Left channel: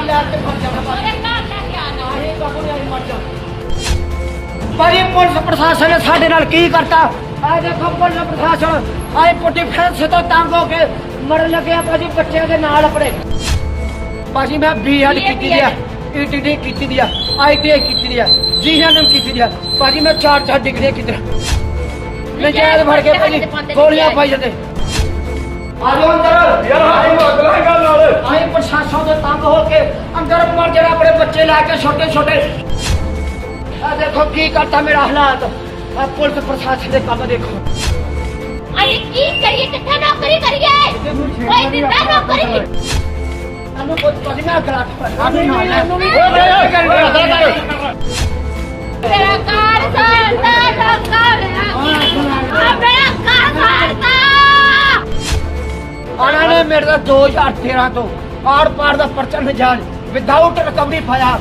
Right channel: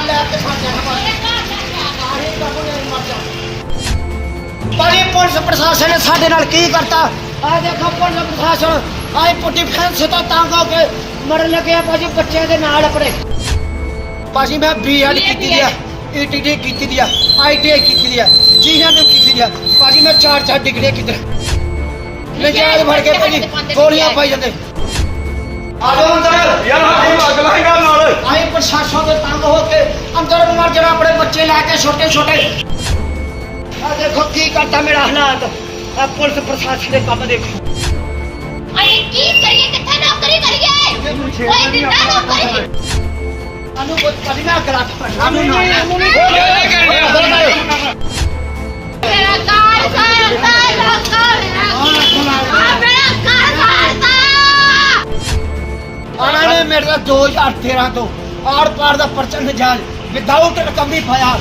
ਨਾਲ ਲੈ ਕੇ ਮਰ ਜਾਣਾ ਪੁਲਿਸ ਪ੍ਰਸ਼ਾਸਨ ਨੇ ਸਾਡੇ ਨਾਲ ਕੀ ਕਰਤਾ? ਆ ਦੇਖੋ ਪੁਲਿਸ ਪ੍ਰਸ਼ਾਸਨ ਆਏ ਪੁੱਟੀ ਫੈਂਸ ਤੋਂ ਤੰਗ ਹੋ ਕੇ ਮਰਨ ਲੱਗਿਆ ਭਾਜੀ ਬੱਚਿਆਂ ਦੇ ਨਾਲ ਆਪਣੇ। ਭਾਜੀ ਮੈਂ ਬੀਐਡ ਕੀਤੀ ਦੀ ਆ ਈਟੀਟੀ ਕੀਤੀ ਦੀ ਆ ਆਈਟੀਆਈ ਕੀਤੀ ਦੀ ਆ ਜੀਐਨਐਮ ਕੀਤੀ ਦੀ ਆ। ਭਾਜੀ ਮੈਂ ਚਾਰ ਚਾਰ ਡਿਗਰੀਆਂ ਕੀਤੀ ਨਜਾਇਜ਼ ਫੜ ਕੇ ਭਾਜੀ ਗੋਲੀਆਂ ਪਾਈ ਜਾਂਦੇ। ਆਜੋ ਅੰਦਰ। ਯਾਰ ਆਹੀ ਅਗਲਾ ਹੀ ਗੱਲ ਆਹੀ ਪ੍ਰਸ਼ਾਸਨ ਦੇ ਤੰਗ ਹੋ ਕੇ ਅੰਦਰ ਮਰ ਜਿਹੜਾ ਆਪਣੇ ਬੱਚੇ ਲੈ ਕੇ ਛੋਟੇ ਛੋਟੇ। ਆ ਦੇਖੋ ਕੀ ਕਰਤਾ ਮੇਰਾ ਹਾਲਾਤ। ਆ ਪੁਲਿਸ ਪ੍ਰਸ਼ਾਸਨ ਦੇ ਕੰਮ ਦੇਖੋ। ਅਸੀਂ ਕੀ ਕਰੀਏ? ਕਿੱਥੇ ਨੌਕਰੀ ਕਰੀਏ? ਕੋਈ ਦਿੰਦਾ ਨੌਕਰੀ? ਸਾਨੂੰ ਕੁਝ ਪਤਾ ਨਹੀਂ ਕਰਾ ਸਾਨੂੰ ਨਹੀਂ ਸਾਨੂੰ ਨਹੀਂ। ਮੇਰਾ ਕਾਰ ਸਾਰਦਾ ਕਾਰ ਆ ਮੇਰਾ ਕਾਰ ਸਾਰਦਾ ਆਣਾ ਨੇ ਮੇਰੇ ਦਾ 2013 ਤੋਂ। ਆੜ ਪਾਰ ਦਾ ਪਰਚਾ ਨਜਾਇਜ਼ ਵਿਦਆਊਟ ਰਿਕਵਰੀ ਪਾਇਆ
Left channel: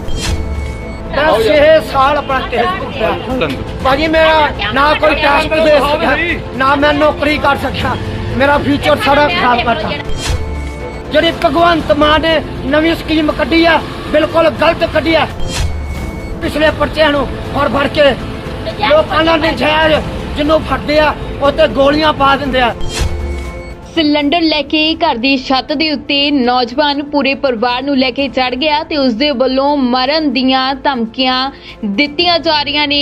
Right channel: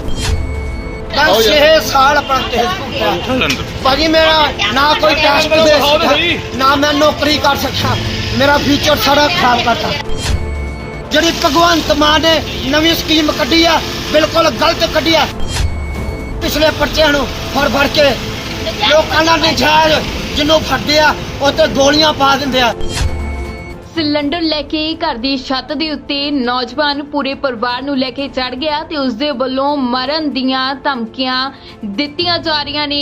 ਮੈਂ 6 ਸਾਲ ਆਪਣਾ ਕੇਸ ਭੁਗਤਿਆ ਭਾਜੀ ਮੇਰਾ ਨਾ ਕੋਈ ਟੈਸਟ ਦੇ ਸਕਿਆ ਨਾ ਮੈਂ ਨੌਕਰੀ ਕਰ ਸਕਿਆ ਮੇਰਾ ਫਿਊਚਰ ਸਾਰਾ ਖਰਾਬ ਕਰਤਾ। ਜਿਹੜੀ ਭਗਵੰਤ ਮਾਨ ਨੇ ਨਵੀਂ ਸਕੀਮ ਕੱਢੀ ਆ ਬਿਲਕੁਲ ਗਲਤ ਕੱਢੀ ਆ। ਪਿਛਲੇ ਪਰਚਿਆਂ ਨੂੰ ਫੜ ਫੜ ਕੇ ਲੋਕਾਂ ਦਾ ਨਜਾਇਜ਼ ਜਿਹਨੂੰ ਫੜਦੇ ਆ ਉਹ ਤੇ ਗੋਲੀਆਂ ਪਾ ਦਿੰਦੇ ਆ। ਸਿਲੰਡਰ ਲੈ ਕੇ ਘਰ ਦੀ ਛੱਤ ਦੇ ਉੱਤੇ ਨੌਜਵਾਨ ਪੂਰੇ ਪਰਿਵਾਰ ਨੂੰ ਲੈ ਕੇ ਚੜ ਗਿਆ ਤੇ ਉਸ ਦੇ ਵੱਲੋਂ ਮਰਨ ਦੀਆਂ ਧਮਕੀਆਂ ਦਿੱਤੀਆਂ ਜਾ ਰਹੀਆਂ ਨੇ।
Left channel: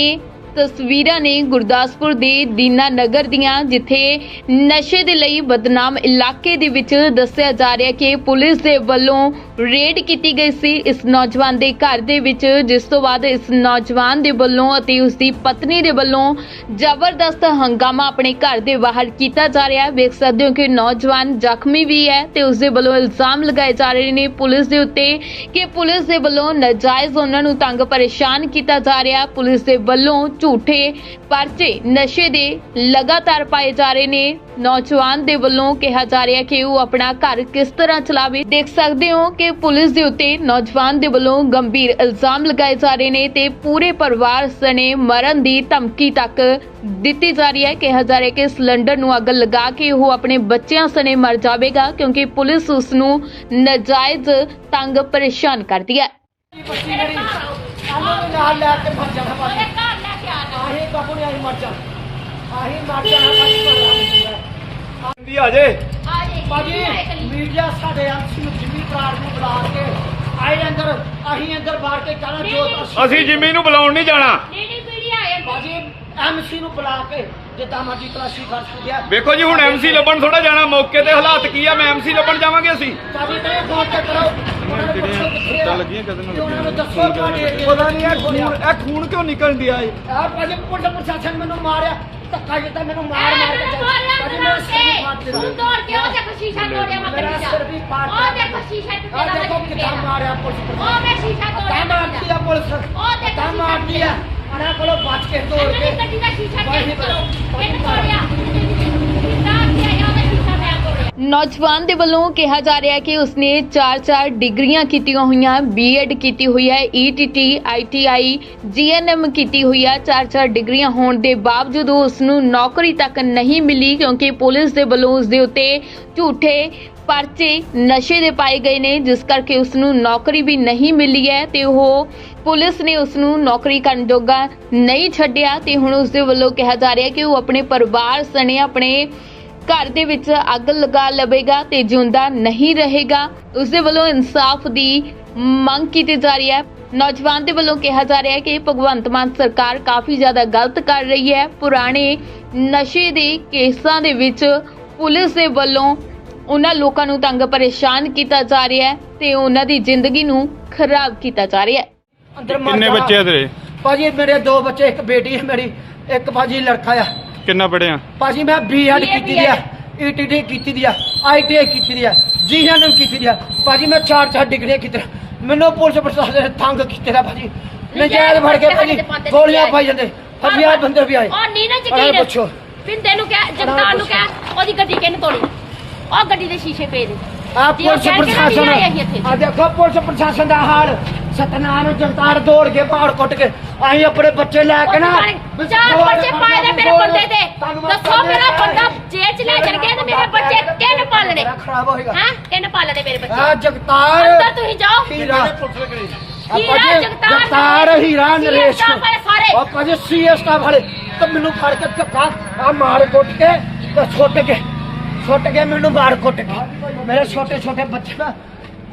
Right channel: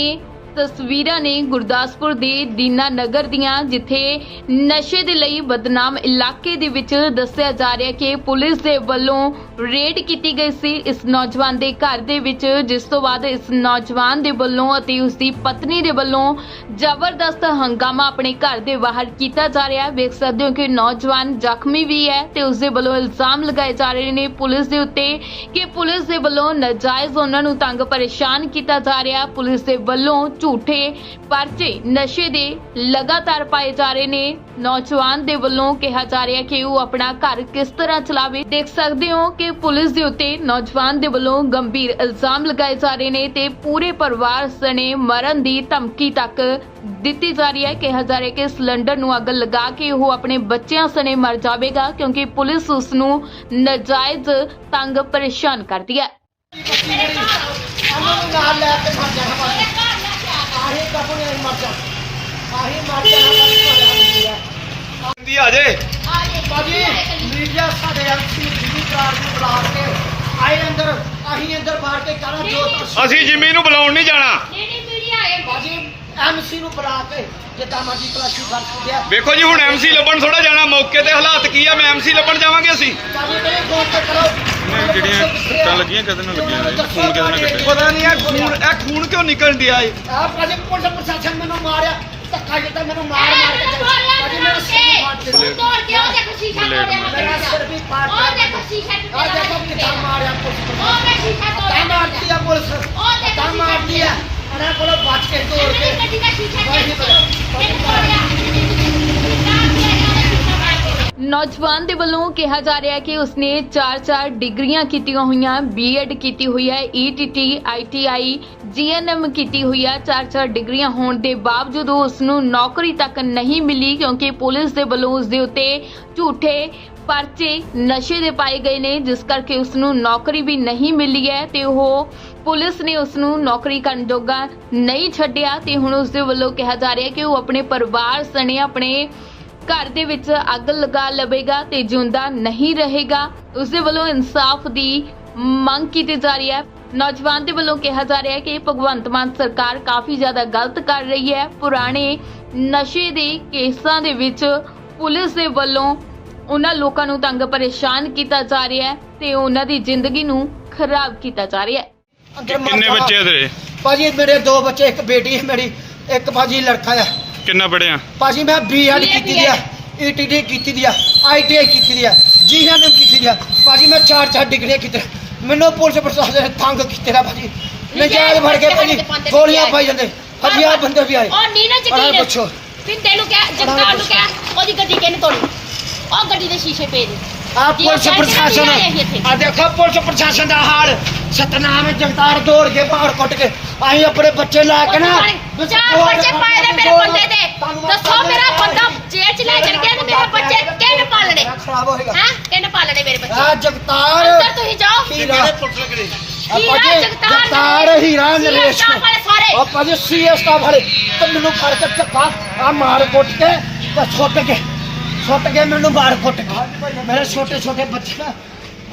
ਤਸਵੀਰਾਂ ਨੇ ਗੁਰਦਾਸਪੁਰ ਦੇ ਦੀਨਾ ਨਗਰ ਦੀਆਂ, ਜਿੱਥੇ ਨਸ਼ੇ ਦੇ ਲਈ ਬਦਨਾਮ ਇਲਾਕੇ ਦੇ ਵਿੱਚ ਦੱਸਿਆ ਜਾ ਰਿਹਾ ਕਿ ਪੁਲਿਸ ਦੇ ਵੱਲੋਂ ਰੇਡ ਕੀਤੀ ਗਈ ਸੀ ਇਸ ਨੌਜਵਾਨ ਦੇ ਘਰ ਦੇ ਵਿੱਚ, ਜਿਸ ਤੋਂ ਬਾਅਦ ਇਸ ਨੌਜਵਾਨ ਦੇ ਵੱਲੋਂ ਅਤੇ ਉਸ ਦੀ ਪਤਨੀ ਦੇ ਵੱਲੋਂ ਜ਼ਬਰਦਸਤ ਹੰਗਾਮਾ ਆਪਣੇ ਘਰ ਦੇ ਬਾਹਰ ਕੀਤਾ ਜਾ ਰਿਹਾ। ਹੈ ਵੇਖ ਸਕਦੇ ਹੋ ਕਿ ਨੌਜਵਾਨ ਜ਼ਖਮੀ ਵੀ ਹੈ ਤੇ ਉਸ ਦੇ ਵੱਲੋਂ ਇਲਜ਼ਾਮ ਲਗਾਏ ਜਾ ਰਹੇ ਨੇ ਪੁਲਿਸ ਦੇ ਉੱਤੇ ਕਿ ਪੁਲਿਸ ਦੇ ਵੱਲੋਂ ਨਾਜਾਇਜ਼ ਉਹਨਾਂ ਨੂੰ ਤੰਗ ਪਰੇਸ਼ਾਨ ਕੀਤਾ ਜਾ ਰਿਹਾ। ਪੁਲਿਸ ਦੇ ਵੱਲੋਂ ਝੂਠੇ ਪਰਚੇ ਨਸ਼ੇ ਦੇ ਲਗਾਤਾਰ ਪਾਏ ਜਾ ਰਹੇ ਨੇ। ਨੌਜਵਾਨ ਦੇ ਵੱਲੋਂ ਕਿਹਾ ਜਾ ਰਿਹਾ ਕਿ ਉਹ ਆਪਣਾ ਘਰ ਕਿਸ ਤਰ੍ਹਾਂ ਚਲਾਵੇ। ਦੇਖ ਸਕਦੇ ਹੋ ਕਿ ਪੁਲਿਸ ਦੇ ਉੱਤੇ ਨੌਜਵਾਨ ਦੇ ਵੱਲੋਂ ਗੰਭੀਰ ਇਲਜ਼ਾਮ ਲਗਾਏ ਜਾ ਰਹੇ ਨੇ ਤੇ ਪੂਰੇ ਪਰਿਵਾਰ ਸਣੇ ਮਰਨ ਦੀ ਧਮਕੀ ਤੱਕ ਦਿੱਤੀ ਜਾ ਰਹੀ ਹੈ। ਕਿਹਾ ਜਾ ਰਿਹਾ ਕਿ ਸਿਲੰਡਰ ਨੂੰ ਅੱਗ ਲਗਾ ਕੇ ਉਹ ਆਪਣੇ ਬੱਚਿਆਂ ਸਣੇ ਮਰ ਜਾਵੇਗਾ ਕਿਉਂਕਿ ਪੁਲਿਸ ਉਸ ਨੂੰ ਨਜਾਇਜ਼ ਤੰਗ ਪਰੇਸ਼ਾਨ ਕਰਦੀ ਹੈ। ਆ ਜੇ। ਭਾਜੀ ਮੀਡੀਆ ਸਾਡੇ ਪ੍ਰਾਰ ਨੂੰ ਬੁਲਾ ਕੇ ਆਏ ਅੰਦਰ ਆਹੀ ਅੰਦਰ ਬਾਹਰ ਕੇ ਕਹਣਾ ਜੋ ਤਾਂ ਅਸੀਂ ਜਿਮੀ ਨੂੰ ਬੁਲਾਉਣ ਨਹੀਂ ਜਾਣਾ ਜਿਹੜੀ ਮੀਡੀਆ ਹੈ ਭਾਜੀ ਐਮਸੀ ਨੂੰ ਬੁਲਾ ਕੇ ਜਿੱਦਾਂ ਮਰਜ਼ੀ ਤਲਾਸ਼ੀ ਕਰ ਸੁਧਿਆ ਵੇਖੋ ਜੀ ਹੁਣ ਐਮਸੀ ਲੱਭਣ ਥੋੜਾ ਜਾਣਾ ਮੌਕੇ ਤੇ ਹਾਲਾਤ ਕੀ ਆ? ਮੈਂ ਐਮਸੀ ਲੱਭਣ ਜਾਵਾਂਗੇ ਅਸੀਂ। ਭਾਜੀ ਤੇ ਫੋਨ ਤੇ ਕਰੋ। ਨਹੀਂ ਜਿਹੜੀਆਂ ਸੱਟਾਂ ਲੱਗੀਆਂ ਕਦੇ ਨਾਲ ਲੱਗੀਆਂ ਨੇ। ਖੂਨ ਕਦੇ ਨਾਲ ਕੱਢਿਆ ਪਤਾ ਨਹੀਂ ਇਹ ਖੂਨ ਇਹ ਖੂਨ ਕਿਉਂ ਨਿਕਲਣ ਦਿਆ ਏ? ਆ ਭਾਜੀ ਪੁਲਿਸ ਪ੍ਰਸ਼ਾਸਨ ਮੈਨੂੰ ਮਾਰਿਆ। ਧੱਕਾ ਜਿੱਦਾਂ ਮੈਨੂੰ ਮਾਰ ਮਾਰ ਕੇ ਭਾਜੀ ਮੇਰੇ ਸਿਰ ਨੂੰ ਫਾੜ ਦਿੱਤਾ ਤੋੜ ਕੇ ਉਹ ਦੇਖੋ ਸ਼ੀਸ਼ਾ ਤੋੜਿਆ ਮੇਰਾ। ਸਿਰ ਵੀ ਫਾੜ ਉਹ ਦੇਖੋ ਸ਼ੀਸ਼ਾ ਆ ਦੇਖੋ ਕਿੱਦਾਂ ਮਾਰਿਆ ਪੁਲਿਸ ਉਹ ਮੈਂ ਪ੍ਰਸ਼ਾਸਨ ਸ਼ੀਸ਼ਾ ਤਾਂ ਤੋੜਿਆ ਮਾਰਦੀ ਆ ਪੁਲਿਸ। ਉਹ ਦੇਖੋ ਤਾਂ ਮਾਰਦੀ ਆ। ਕੋਲੋਂ ਬਚ ਕੇ ਤੋੜ ਕੇ। ਗੱਡੀ ਦਾ ਸ਼ੀਸ਼ਾ ਨੌਜਵਾਨ ਦੇ ਵੱਲੋਂ ਕਿਹਾ ਜਾ ਰਿਹਾ ਹੈ ਕਿ ਉਸਨੇ 4-4 ਡਿਗਰੀਆਂ ਕੀਤੀਆਂ ਹੋਈਆਂ ਬੀਐਡ ਕੀਤੀ ਹੋਈ ਹੈ ਈਟੀਟੀ ਆਈਟੀਆਈ ਜੀਐਨਐਮ ਕੀਤੀ ਹੋਈ ਹੈ। 4-4 ਡਿਗਰੀਆਂ ਹੋਣ ਦੇ ਬਾਵਜੂਦ ਉਸ ਨੂੰ ਨੌਕਰੀ ਤੱਕ ਨਹੀਂ ਮਿਲੀ ਕਿਉਂਕਿ ਪੁਲਿਸ ਦੇ ਵੱਲੋਂ ਉਸ ਦੇ ਉੱਤੇ ਝੂਠੇ ਪਰਚੇ ਨਸ਼ੇ ਦੇ ਪਾਏ ਗਏ ਨੇ, ਜਿਸ ਕਰਕੇ ਉਸ ਨੂੰ ਨੌਕਰੀ ਵੀ ਨਹੀਂ ਮਿਲੀ ਹੈ ਤੇ ਉਹ ਪੁਲਿਸ ਨੇ ਉਸ ਨੂੰ ਨੌਕਰੀ ਕਰਨ ਜੋਗਾ ਨਹੀਂ ਛੱਡਿਆ ਤੇ ਹੁਣ ਉਸ ਦੇ ਵੱਲੋਂ ਕਿਹਾ ਜਾ ਰਿਹਾ ਕਿ ਉਹ ਆਪਣੇ ਪਰਿਵਾਰ ਸਣੇ ਆਪਣੇ ਘਰ ਦੇ ਵਿੱਚ ਅੱਗ ਲਗਾ ਲਵੇਗਾ ਤੇ ਜਿਉਂਦਾ ਨਹੀਂ ਰਹੇਗਾ। ਉਸ ਦੇ ਵੱਲੋਂ ਇਨਸਾਫ ਦੀ ਮੰਗ ਕੀਤੀ ਜਾ ਰਹੀ ਹੈ। ਨੌਜਵਾਨ ਦੇ ਵੱਲੋਂ ਕਿਹਾ ਜਾ ਰਿਹਾ ਹੈ ਕਿ ਭਗਵੰਤ ਮਾਨ ਸਰਕਾਰ ਕਾਫੀ ਜ਼ਿਆਦਾ ਗਲਤ ਕਰ ਰਹੀ ਹੈ। ਪੁਰਾਣੇ ਨਸ਼ੇ ਦੇ ਕੇਸਾਂ ਦੇ ਵਿੱਚ ਪੁਲਿਸ ਦੇ ਵੱਲੋਂ ਉਹਨਾਂ ਲੋਕਾਂ ਨੂੰ ਤੰਗ ਪਰੇਸ਼ਾਨ ਕੀਤਾ ਜਾ ਰਿਹਾ ਹੈ ਤੇ ਉਹਨਾਂ ਦੀ ਜ਼ਿੰਦਗੀ ਨੂੰ ਖਰਾਬ ਕੀਤਾ ਜਾ ਰਿਹਾ ਹੈ। ਅੰਦਰ ਮਰ ਕਿੰਨੇ। ਬੱਚੇ ਆ ਤੇਰੇ? ਭਾਜੀ ਮੇਰੇ ਦੋ ਬੱਚੇ ਇੱਕ ਬੇਟੀ ਹੈ ਮੇਰੀ ਇੱਕ ਭਾਜੀ ਲੜਕਾ ਆ। ਕਿੰਨਾ ਪੜਿਆ ਭਾਜੀ ਮੈਂ ਬੀਐਡ ਕੀਤੀ ਦੀ ਆ। ਈਟੀਟੀ ਕੀਤੀ ਦੀ ਆ। ਆਈਟੀਆਈ ਕੀਤੀ ਦੀ ਆ। ਜੀਐਨਐਮ ਕੀਤੀ ਦੀ ਆ। ਭਾਜੀ ਮੈਂ ਚਾਰ ਚਾਰ ਡਿਗਰੀਆਂ ਕੀਤੀ ਮੈਨੂੰ ਪੁਲਿਸ ਪ੍ਰਸ਼ਾਸਨ ਨੇ ਤੰਗ ਕੀਤੇ ਦਾ ਭਾਜੀ। ਨਜਾਇਜ਼ ਫੜ ਕੇ ਭਾਜੀ ਗੋਲੀਆਂ ਪਾਈ ਜਾਂਦੇ। ਹਜ਼ਾਰ ਬੰਦੇ ਵੀ ਆਏ। ਉਹ ਨੀਨਾ ਅਰੇ ਜੱਟੀ ਪੁੱਛੋ। ਪਿੰਦੇ ਨੂੰ ਕਹਿ ਜਗਤਾਰ ਨੂੰ ਕਹਿ ਉਹਦੀ ਗੱਡੀ ਕਿਹਨੇ ਤੋੜੀ? ਉਹ ਗੱਡੀ ਦੇ ਸ਼ੀਸ਼ੇ ਪਏ ਨੇ। ਆ ਜੀ, ਉਹ ਪੁਲਿਸ ਪ੍ਰਸ਼ਾਸਨ ਨਹੀਂ ਆਏ ਸੀ ਇੱਥੇ। ਆ ਦੇਖੋ ਪੁਲਿਸ ਪ੍ਰਸ਼ਾਸਨ ਦਾ ਹਾਲ। ਸਤਨਾਮ ਜਗਤਾਰ ਦੌੜ ਕੇ ਬਾਹਰ ਕੁੱਟ ਕੇ ਅਸੀਂ ਆਪਣੇ ਬੱਚੇ ਲੈ ਕੇ ਨਾ। ਚਾਰ ਬੱਚੇ ਪਾਏ ਨੇ ਮੇਰੇ ਬੰਦੇ ਦੇ। ਦੱਸੋ ਮੇਰਾ ਬੰਦਾ ਜੇਲ੍ਹ ਚ ਲੈ ਚਲ ਗਿਆ ਤੇ ਮੇਰੇ ਬੱਚੇ ਕਿਹਨੇ ਪਾਲਣੇ? ਖਰਾਬ ਹੋਏਗਾ। ਹੈ? ਕਿਹਨੇ ਪਾਲਣੇ ਮੇਰੇ ਬੱਚੇ? ਆ ਜਗਤਾਰ। ਅੰਦਰ ਤੁਸੀਂ ਜਾਓ। ਹੀਰਾ ਆਪਾਂ ਹੀਰਾ ਜੀ ਜਗਤਾਰ ਜਗਤਾਰ ਹੀਰਾ ਸੀ ਨਰੇਸ਼ ਸਟਾਫ ਵਾਲੇ ਸਾਰੇ। ਆਪਾਂ ਜੀ ਸੀਐਸ ਸਟਾਫ ਵਾਲੇ। ਤੇ ਮੈਨੂੰ ਫੜ ਕੇ ਧੱਕਾ ਆ ਮਾਰ ਕੁੱਟ ਕੇ ਤੇ ਛੁੱਟ ਕੇ ਛੁੱਟ ਕੇ ਮੈਨੂੰ ਮਾਰ ਕੁੱਟ ਕੇ ਮੇਰੇ ਛੋਟੇ ਛੋਟੇ ਬੱਚੇ ਨਾ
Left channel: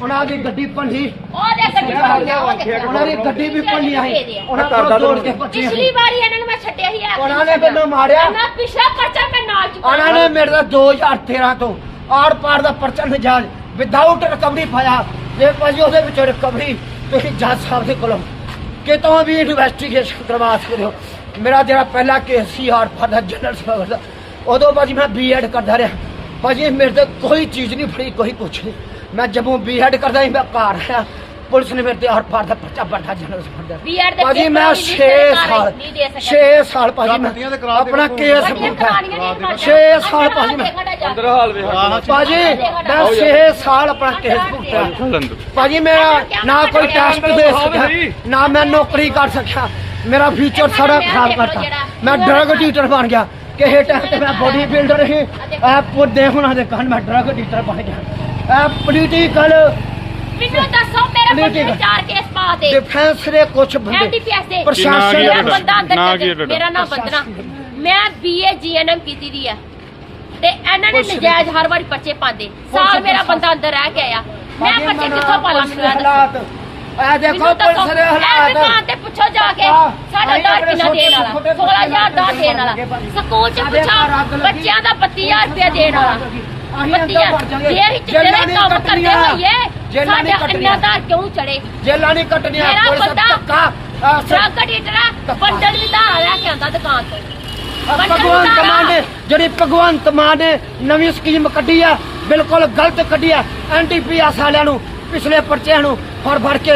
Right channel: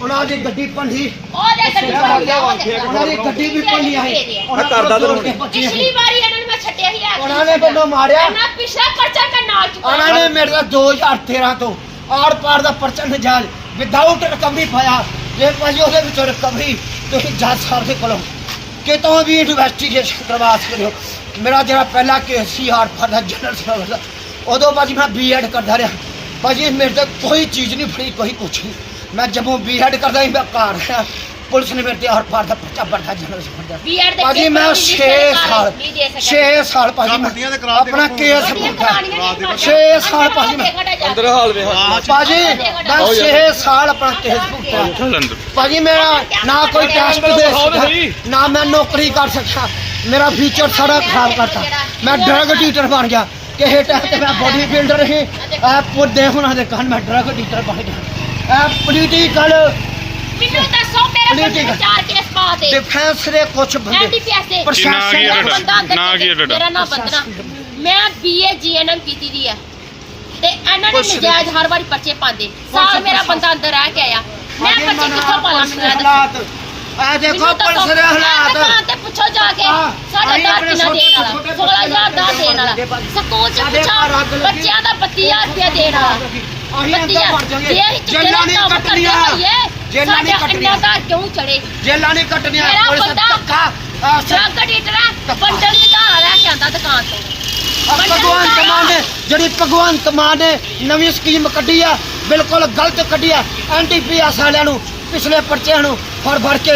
ਉਹਨਾਂ ਦੀ ਗੱਡੀ ਭੰਡੀ ਉਹ ਦੇ ਗੱਡੀ ਪਾਈ ਆ ਉਹਨਾਂ ਦੀ ਗੱਡੀ ਵੀ ਭੰਡੀ ਆਈ ਉਹਨਾਂ ਕੋਲ ਦੌੜ ਕੇ ਭੱਜੇ। ਪਿਛਲੀ ਵਾਰੀ ਇਹਨਾਂ ਨੂੰ ਮੈਂ ਛੱਡਿਆ ਹੀ ਆ ਉਹਨਾਂ ਨੇ ਮੈਨੂੰ ਮਾਰਿਆ। ਮੈਂ ਪਿਛਲਾ ਪਰਚਾ ਮੈਂ ਨਾਲ ਚੁੱਕਾ ਉਹਨਾਂ ਨੇ ਮੇਰੇ ਦਾ 2013 ਤੋਂ ਆੜ ਪਾਰ ਦਾ ਪਰਚਾ ਨਜਾਇਜ਼ ਵਿਦਆਊਟ ਰਿਕਵਰੀ ਪਾਇਆ। ਜੇ ਭਾਜੀ ਉਹਦੇ ਵਿੱਚ ਰਿਕਵਰੀ ਤੁਸੀਂ ਜੱਜ ਸਾਹਿਬ ਦੇ ਕੋਲੋਂ ਕਿਤੋਂ ਵੀ ਇਨਵੈਸਟੀਗੇਸ਼ਨ ਕਰਵਾ ਸਕਦੇ ਹੋ। ਮੇਰਾ ਜਿਹੜਾ ਪਹਿਲਾ ਕੇਸ ਸੀ ਆੜ ਪਾਰ ਦਾ ਜਨਰਲ ਸਰਵਿਸ ਦਾ ਉਦੋਂ ਭਾਜੀ ਮੈਂ ਬੀਐਡ ਕਰਦਾ ਰਿਹਾ। ਭਾਜੀ ਮੇਰੇ ਤੇ ਕੋਈ ਚੀਜ਼ ਨਹੀਂ ਫੜੀ ਕੋਈ ਕੁਛ ਨਹੀਂ ਮੈਂ ਜਦੋਂ ਬੀਐਡ ਕਰਦਾ ਸੀ ਮੈਂ ਘਰ ਆਇਆ ਪੁਲਿਸ ਨੇ ਮੇਰੇ ਤੇ ਆੜ ਪਾਰ ਦਾ ਪਰਚਾ ਪੜਦਾ ਜਨਰਲ ਸਰਵਿਸ ਦਾ ਬੀਐਡ ਦੇ ਭਾਜੀ ਮੈਂ 6 ਸਾਲ 6 ਸਾਲ ਭਾਜੀ ਮੈਂ ਆਪਣਾ ਕੇਸ ਭੁਗਤਾ 6 ਸਾਲ ਭਾਜੀ ਮੈਂ ਅੰਦਰ ਹਾਲ ਵੇ ਭਾਜੀ ਮੈਂ 6 ਸਾਲ ਆਪਣਾ ਕੇਸ ਭੁਗਤਿਆ ਚੱਲ ਅੰਦਰ ਭਾਜੀ ਮੇਰਾ ਨਾ ਕੋਈ ਟੈਸਟ ਦੇ ਸਕਿਆ ਨਾ ਮੈਂ ਨੌਕਰੀ ਕਰ ਸਕਿਆ ਮੇਰਾ ਕਿਸੇ ਟਾਈਮ ਤੇ ਮੈਂ ਬੋਡੀ ਬਿਲਡਰ ਸੀ। ਇਹ ਪੁੱਦੇ ਹੁਣਾਂ ਦੇ ਕਾਰਨ ਮੈਂ ਡਰਗ ਡੀਟਰ ਬਣ ਗਿਆ। ਇਹ ਪੋਲੀਟੀਕਲ ਮੈਨੂੰ ਦੱਸੋ ਮੇਰੇ ਹੈ। ਚਾਰ ਕੇਸ ਪਾ ਦੇ ਡਿਫੈਂਸ ਦੇ ਕੁਝ ਬੰਦੇ। ਐਨਡੀਪੀਐਸ ਦੇ। ਪ੍ਰਸ਼ਾਸਨ ਨਾਂ ਕੀ ਹੈ ਮੇਰਾ ਤੁਹਾਡਾ? ਬੰਦਾ ਅੰਦਰ? ਮੇਰਾ ਨਾਮ ਬੰਦਨਾ। ਮੈਂ ਬੀਏ ਜੀਐਨਐਮ ਕੀਤੀ ਦੀ ਹੈ ਤੇ ਇਹਨਾਂ ਨੇ। ਨਜਾਇਜ਼ ਹਰ ਵਾਰੀ ਪਰਚੇ ਪਾਉਂਦੇ। ਸਾਲ ਮੇਰਾ ਬੰਦਾ ਅੰਦਰ ਰਹਿ ਕੇ ਆਇਆ। ਮੈਂ ਪਰਚੇ ਕਿੱਥੋਂ ਪਾਲਾਂ ਮੈਨੂੰ ਇਹ ਦੇਖੋ ਪੁਲਿਸ ਦੇ ਹਾਲਾਤ ਤੇ ਪੁੱਛੋ ਜਾ ਕੇ ਸਾਡਾ ਆਪਣੇ ਕਿੰਨਾ ਦੇਣ ਵਾਲਾ ਛੋਟੇ- 16000 ਦਾ ਦੇਣ ਵਾਲਾ। ਸਕੂਲ ਚ ਪੁੱਛੋ। ਬੱਚਿਆਂ ਦਾ 32000 ਰੁਪਇਆ ਦੇਣ ਵਾਲਾ ਅਸੀਂ ਅੰਦਰ ਬੱਤੀਆਂ ਵੜ ਜਾਵਾਂਗੇ। ਜੇ ਅਸੀਂ ਚਿੱਟੇ ਜੇਲਾਂ ਦੇ ਨਹੀਂ ਕੰਮ ਕਰਦੇ ਕੱਟਣੀਆਂ। ਹੋਈਏ ਜੇਲਾਂ ਨਹੀਂ ਸਾਡਾ ਇੰਨਾ ਕੱਟਣੀਆਂ। ਦਾ ਕਿਉਂ ਚੜੇ ਜੇਲਾਂ ਨਹੀਂ ਕੱਟਣੀਆਂ ਮੇਰਾ ਪੁਲਿਸ ਬੰਦਾ ਧੱਕਾ ਅਹ, ਸ- ਡਰੱਗ ਡੀਟਰਾ ਬੰਡਲ ਵੀ ਧਾਰਾ ਲੈ ਕੇ ਆਂਦਾ ਦੁਕਾਨ ਤੋਂ ਬੰਡਲ ਭਗਵੰਤ। ਮਾਨ ਨੇ ਜਿਹੜੀ ਭਗਵੰਤ ਮਾਨ ਨੇ ਨਵੀਂ ਸਕੀਮ ਕੱਢੀ ਆ ਬਿਲਕੁਲ ਗਲਤ ਕੱਢੀ ਆ ਐਨਟੀਪੀਐਸ ਵਾਲਿਆਂ ਨੂੰ ਪਿਛਲੇ ਪਰਚਿਆਂ ਨੂੰ ਫੜ ਫੜ ਕੇ।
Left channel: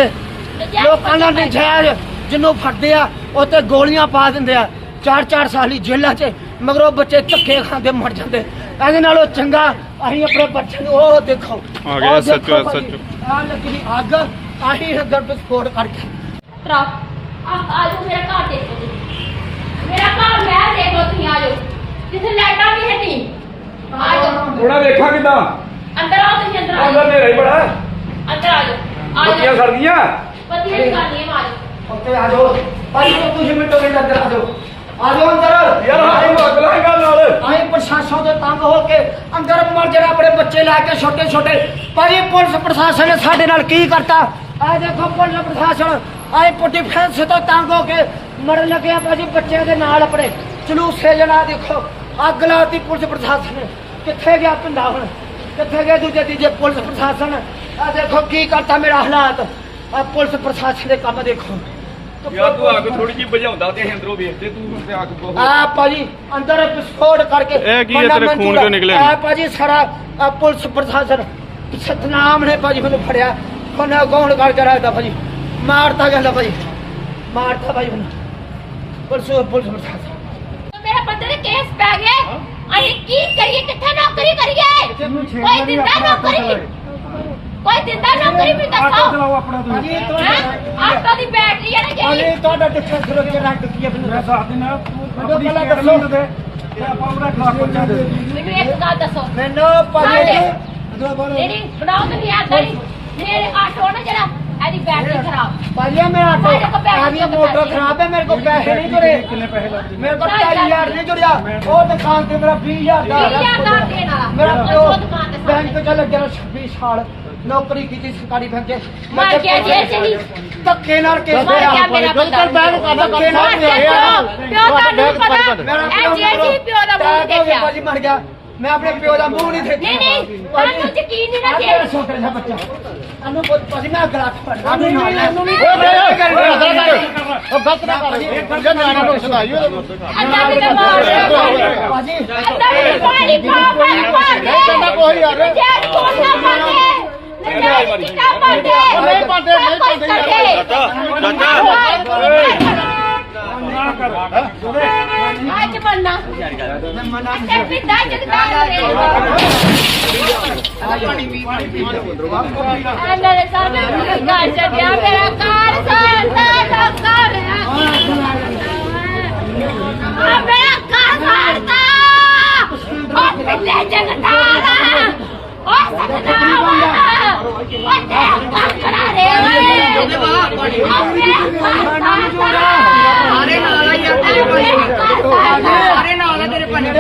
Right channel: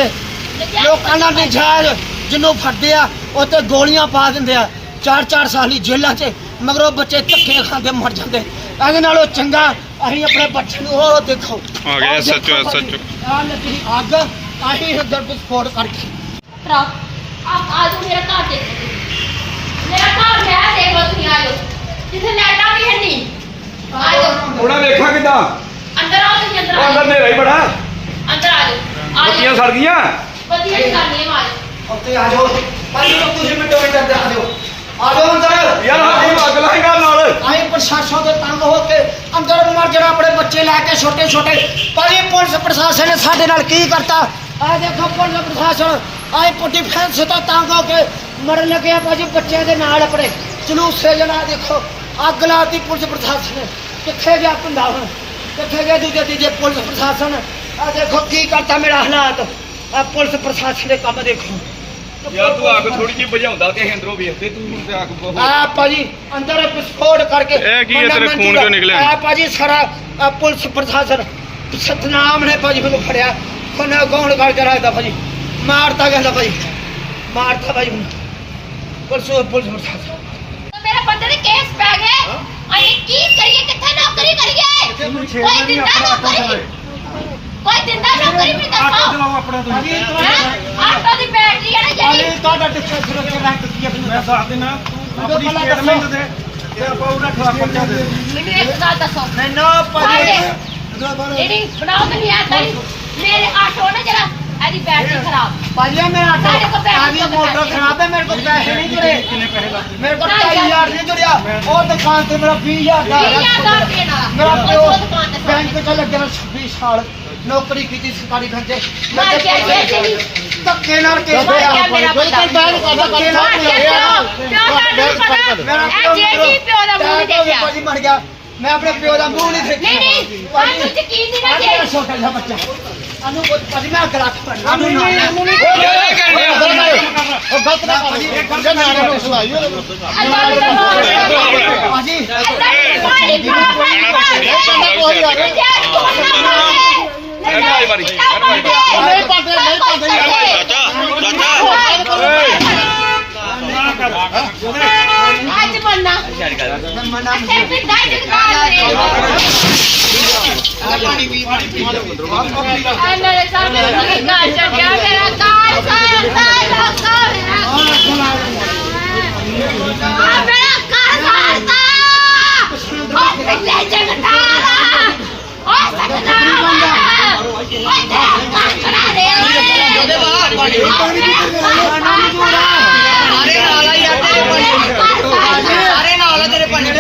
ਲੋਕਾਂ ਨਾਲ ਨਜਾਇਜ਼ ਜਿਹਨੂੰ ਫੜਦੇ ਆ ਉੱਤੇ ਗੋਲੀਆਂ ਪਾ ਦਿੰਦੇ ਆ। ਚਾਰ ਚਾਰ ਸਾਲੀ ਜੇਲ੍ਹਾਂ 'ਚ ਮਗਰੋਂ ਬੱਚੇ ਧੱਕੇ ਖਾਂਦੇ ਮਰ ਜਾਂਦੇ। ਇਹਦੇ ਨਾਲੋਂ ਚੰਗਾ ਅਸੀਂ ਆਪਣੇ ਬੱਚੇ ਨੂੰ ਉਹ ਦੇਖੋ। ਆ ਗਿਆ ਭਾਜੀ, SHO ਆਹ ਲੱਗੀ ਅੱਗ ਅਸੀਂ ਇੱਧਰ ਵਿਸਫੋਟ ਕਰਕੇ। ਟਰੱਕ ਆ ਆ ਜਾਓ ਮੇਰਾ ਘਰ ਦੇਖੋ ਮੇਰਾ ਘਰ ਮੈਂ ਦੇਖੋ ਤੁਸੀਂ ਆ ਜਾਓ ਜਿੱਥੇ ਲੈਟਾ ਵੀ ਹੈ ਨਹੀਂ। ਆ ਜਾਓ ਥੋੜਾ ਵੇਖਾਂ ਕਿਦਾਂ ਅੰਦਰ ਆਓ ਤੁਸੀਂ ਅੰਦਰ ਆ ਅੰਦਰ ਜਾਓ ਨੇਰਾ ਹੀ ਬੜਾ ਅੰਦਰ ਆ ਜਾਓ ਆ ਬੱਤੀਆਂ ਜਾਓ ਸੜ ਗਈਆਂ? ਵਧੀਆ ਹੀ ਕਰਨੀ ਹੈ ਮਾਰ। ਉੱਤੇ ਆ ਜਾਓ। ਭਾਈ ਨੂੰ ਤੁਸੀਂ ਮਿੰਟੋ ਮਿੰਟ ਅੰਦਰ ਆ ਜਾਓ। ਆ ਜਾਓ ਅੰਦਰ। ਯਾਰ ਆਹੀ ਅੱਗ ਲਾਏਗਾ ਨਾਲ। ਅਸੀਂ ਪ੍ਰਸ਼ਾਸਨ ਦੇ ਤੰਗ ਹੋ ਕੇ ਅੰਦਰ ਮਰ ਜਿਹੜਾ ਆਪਣੇ ਬੱਚੇ ਲੈ ਕੇ ਛੋਟੇ ਛੋਟੇ। ਭਾਈ ਪੁਲਿਸ ਪ੍ਰਸ਼ਾਸਨ ਨੇ ਸਾਡੇ ਨਾਲ ਕੀ ਕਰਤਾ? ਆ ਦੇਖੋ ਪੁਲਿਸ ਪ੍ਰਸ਼ਾਸਨ ਆਏ ਪੁੱਟੀ ਫੈਂਸ ਤੋਂ ਤੰਗ ਹੋ ਕੇ ਮਰਨ ਲੱਗਿਆ ਭਾਜੀ ਬੱਚਿਆਂ ਦੇ ਨਾਲ ਆਪਣੇ। ਜਲੂਸੇ ਜਣਾ ਦੇਖੋ। ਅੱਗ ਲਾਤੀ ਪੁਲਿਸ ਪ੍ਰਸ਼ਾਸਨ ਨੇ। ਕਿੱਥੇ ਗਿਆ ਧੰਦਾ ਹੁਣ? ਕਿੱਥੇ ਗਿਆ ਦੂਜੇ ਤੀਜੇ ਪੁਲਿਸ ਪ੍ਰਸ਼ਾਸਨ? ਆ ਦੇਖੋ ਕੀ ਕਰਤਾ ਮੇਰਾ ਹਾਲਾਤ। ਆ ਪੁਲਿਸ ਪ੍ਰਸ਼ਾਸਨ ਦੇ ਕੰਮ ਦੇਖੋ। ਯਾਰ ਤੂੰ ਅੱਗ ਥੋੜੀ ਜਿਹੀ ਬੁਝਾਉਂਦਾ ਤੇ ਅੰਦਰੋਂ ਵੇਖਦੇ ਤੂੰ ਤੇ ਅੱਗ ਬਹੁਤ ਆ ਭਾਜੀ ਅੰਦਰ ਵਿਸਫੋਟ ਕਰਕੇ ਇਹ ਕੀ ਹੈ ਬੰਦਾ ਤੇਰੇ ਖੂਨ ਕਿਉਂ ਨਿਕਲਿਆ? ਆ ਭਾਜੀ ਸਾਰਾ ਆਹ ਪੁਲਿਸ ਪ੍ਰਸ਼ਾਸਨ ਸਤਨਾਮ ਨੇ ਭਾਜੀ ਮੈਨੂੰ ਫੜਿਆ। ਕੋਨਾ ਗੌਣ ਕਰਕੇ ਰੱਖਦਾ ਭਾਜੀ। ਮਾਰਤਾ ਗਿਆ ਭਾਜੀ। ਮਾਰਤਾ ਭਾਜੀ ਹੁਣ। ਪੁਲਿਸ ਪੁਲਿਸ ਪ੍ਰਸ਼ਾਸਨ। ਮੇਰੇ ਬੰਦੇ ਦੇ ਕੇਸ ਪੈ ਗਏ। ਅਸੀਂ ਕੀ ਕਰੀਏ? ਕਿੱਥੇ ਨੌਕਰੀ ਕਰੀਏ? ਕੋਈ ਦਿੰਦਾ ਨੌਕਰੀ? ਕੋਈ ਦਿੰਦਾ ਨੌਕਰੀ ਵੀ ਦੱਸੋ ਆਪਣਾ ਤੁਸੀਂ। ਹੈਂ? ਆਟੋ ਦੀ ਬੈਟਰੀ ਹੈ ਨਾ ਜਿਹੜੀ ਅਰੇ ਤੁਹਾਡਾ ਡਿਫੈਂਸ ਸੁਰੱਖਿਆ ਰੈਂਕ ਕੀ ਹੈ ਮੈਂ ਦੱਸ ਦਿਨਾ ਤੂੰ ਆਪਣੀ ਪਹਿਲਾਂ ਸਟੇਟਮੈਂਟ ਦੱਸੋ। ਦੇ। ਤੇ ਆਪਾਂ ਉਹਦਾ ਖਿਲਾਫ ਪਰਚਾ ਦੇ ਮੈਨੂੰ ਇੱਕ ਗੱਲ ਦੱਸੋ। ਮੈਨੂੰ ਭਾਜੀ ਜਿਹੜੀ ਬਣਾਓ ਤੇ ਨਹੀਂ ਆਦਾ ਮੇਰੇ ਆਟੋ ਨਾ ਜਿਹੜਾ ਇਹਦੀ ਬੈਟਰੀ ਖਰਾਬ। ਭਾਜੀ ਮੇਰਾ ਆਟੋ ਆਦੀ ਮੋਟਰ। ਖਰਾਬ ਹੈ ਮੇਰੇ ਕੋਲ ਪੈਸੇ ਨਹੀਂ ਜੁੜੇ। ਕਿੰਨੇ ਪੈਸੇ ਲੱਗਦੇ ਮੇਰੇ ਕੋਲ 2000 ਨਹੀਂ ਜੁੜਿਆ। ਉਹ ਦੁਕਾਨ ਤੇ ਮੇਰਾ 20000 ਦਾ ਵੀਹ ਹਜ਼ਾਰ ਦਾ ਦੇਣ ਵਾਲਾ। ਮੇਰਾ ਪਿਓ ਦੁਕਾਨ ਤੇ ਬੈਂਕ ਚ ਲੱਗਿਆ 26 ਸਾਲ ਨੌਕਰੀ ਕੀਤੀ ਸਰਕਾਰੀ 'ਚ ਮਰ ਗਿਆ ਜੇ ਤੇ ਨਹੀਂ ਧੱਕੇ ਨਾਲ ਕੇ ਮਰ ਗਿਆ ਮੇਰਾ ਬੰਦਾ। ਬੈਂਕ ਕਰਦਾ ਧੱਕੇ ਨਾਲ ਕਰਦਾ ਕੇ ਪਿਓ ਤੁਹਾਨੂੰ ਪਤਾ ਇਹ ਜੇ ਜੀ ਪਿਓ ਦਾ ਮੂੰਹ ਨਹੀਂ ਦੇਖਿਆ। ਭਾਜੀ ਮਰ ਗਿਆ। ਮੈਂ ਆਪਣੇ ਪਿਓ ਦਾ ਮੂੰਹ ਨਹੀਂ ਦੇਖਿਆ। ਨਹੀਂ ਨਹੀਂ ਤੁਹਾਨੂੰ ਯਕੀਨ ਨਹੀਂ ਨਾ ਮੇਰਾ ਜੇ ਛੋਟਾ ਜਿਹਾ ਬੱਚਾ। ਅਨੂ ਕੋਈ ਭਾਜੀ ਮੈਂ ਗਲਾਸ ਫੜਨਾ ਨਹੀਂ ਨਹੀਂ ਅਨੂ ਨਹੀਂ ਉਹ ਗਲਤ ਨਾ ਕਰ ਗੱਲ ਨਿਆਣੇ ਨੂੰ ਸੁਣਾਈ ਅੰਦਰ ਦੇ ਮਾਰ ਭਾਜੀ ਪਾ ਪਾਣੀ ਕੋਈ ਆ ਗਿਆ। ਨਹੀਂ ਮਾਰੀ। ਨਹੀਂ ਪਾਉਂਦੇ ਨਹੀਂ ਪਾਉਂਦੇ ਨਾ ਕਰ ਅੱਜ ਬੰਨਾ ਮਨਾ ਤੇ ਪਿੰਡਾਂ ਚ ਦੁਕਾਨ ਇਹਨਾਂ ਦੇ ਸਾਹਮਣੇ ਕੀ ਕਰ ਛੱਡਿਆ ਮੇਰਾ ਕਾਰ ਸਾਰਾ ਸਾਰਾ ਸਾਰਾ ਆ ਮੇਰਾ ਘਰ ਸਾੜਤਾ ਓ ਪਿੱਲੇ ਜਗਤਾਰ। ਓ ਸਤਨਾਮ। ਓ ਤੇਰਾ ਘਰ ਚੜਾ ਦੇ। ਉਹਦੇ ਬਾਹਰ ਪਾਣੀ ਪਾਣੀ ਜੋੜਾ